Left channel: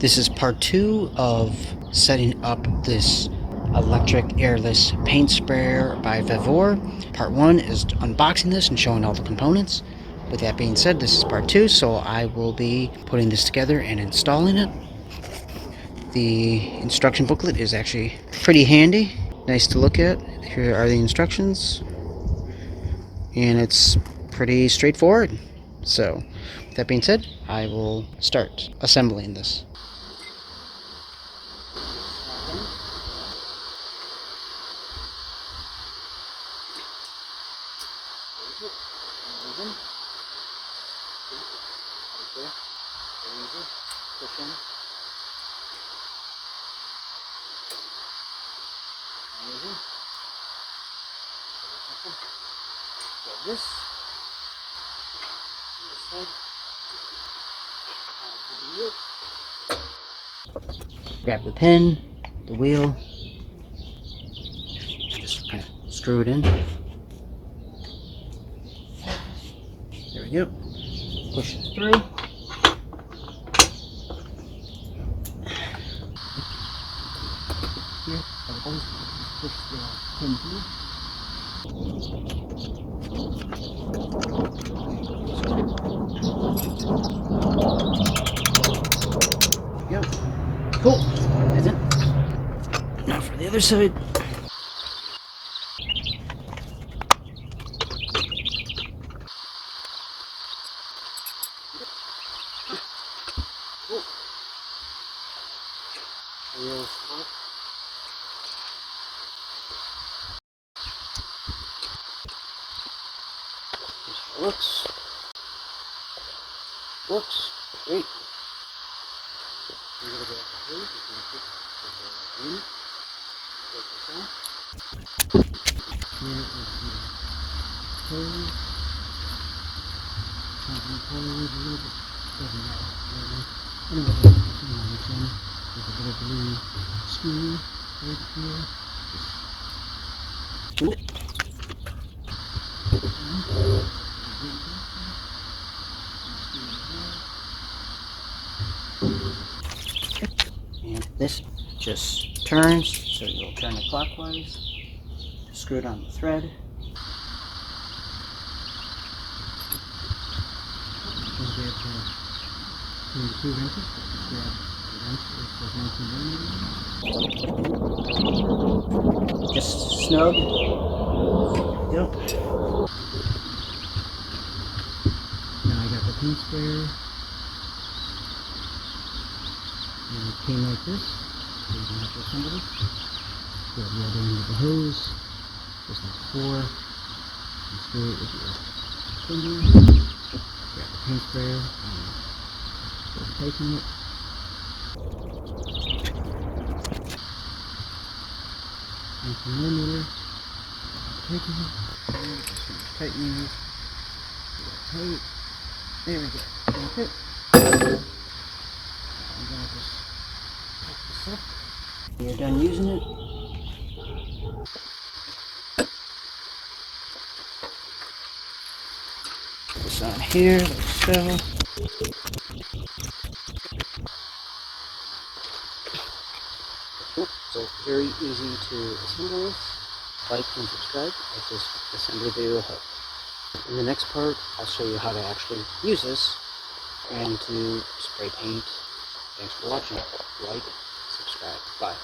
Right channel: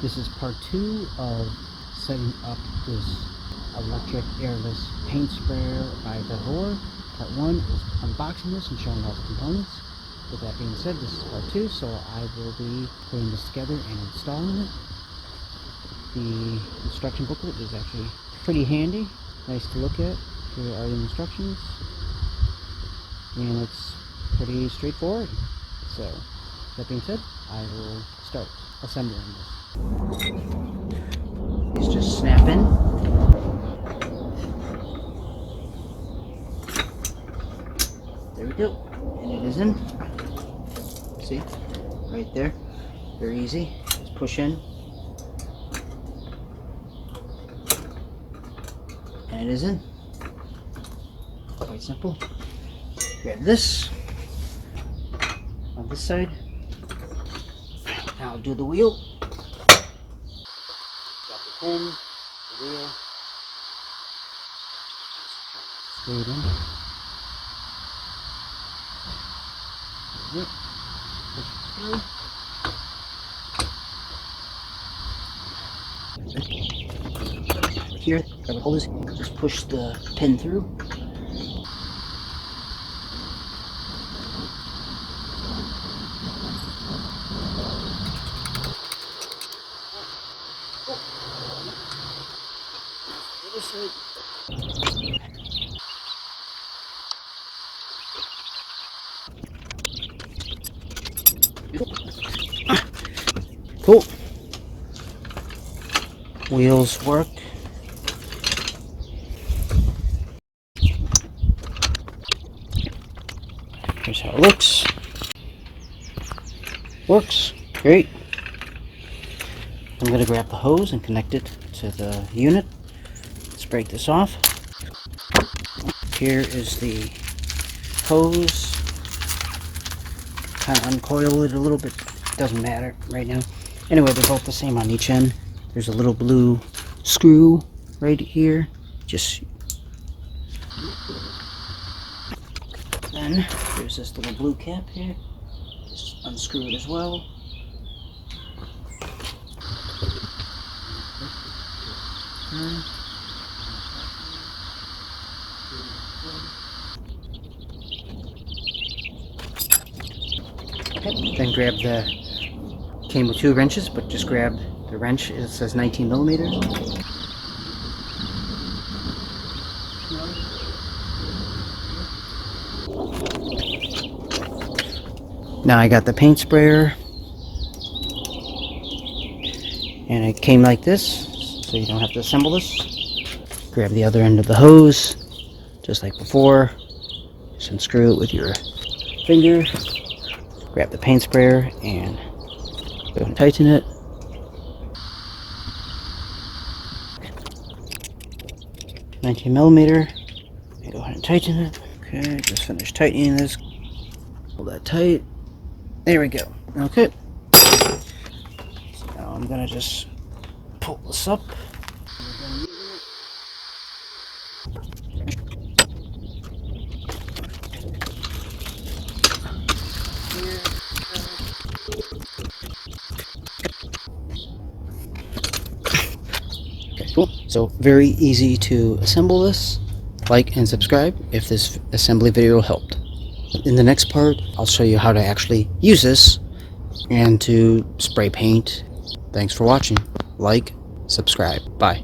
This is part 2 of setting up this electric airless paint sprayer by Vevor. Part 1 is unboxing this and showing all the components. With that being said, this is part 2, so I will be putting this together and installing it. The instruction booklet is actually pretty handy, nice to look at. Here are the instructions, and it's pretty straightforward. So, with that being said, I will start assembling this. Let's just snap in. There we go. And it is in. See? Right there. Very easy. Push in. And it is in. Quite simple. Grab this on this side. Now I'll do the wheel. Grab the pin, the wheel, just kind of screw it in. There we go. Push it through. Here, grab the hose, just push the pin through. Yep. Cool. Is it? Now for the other side. Cool. Wheels work. Here's how it looks. Works. Great. I'm going to grab the hose and connect it to the unit. Let's break this off. Here is the hose. Kind of uncoil it a little bit. Doesn't matter right now. Anyway, they're both the same on each end. There's a little blue screw right here. Just then there's this little blue cap here. Just unscrew it as well. And this just turns, so you'll turn the clockwise. Screw it on the thread. Okay, then grab the, came with 2 wrenches, but just grab the wrench. It says 19 millimeters. Just snug. Yep. Now I got the paint sprayer, and it came like this, so you don't have to assemble this. Grab the other end of the hose, just like before. Just unscrew it with your finger. Grab the paint sprayer and go and tighten it. $19 millimeter. Go ahead and tighten it. Okay, just finished tightening this. Pull that tight. There we go. Okay. So now I'm gonna just pull this up. We're done using it. Put this on here. Let's go. Cool. So very easy to assemble this. Like and subscribe if this assembly video helped. In the next part, I'll show you how to actually use this and to spray paint. Thanks for watching. Like, subscribe. Bye.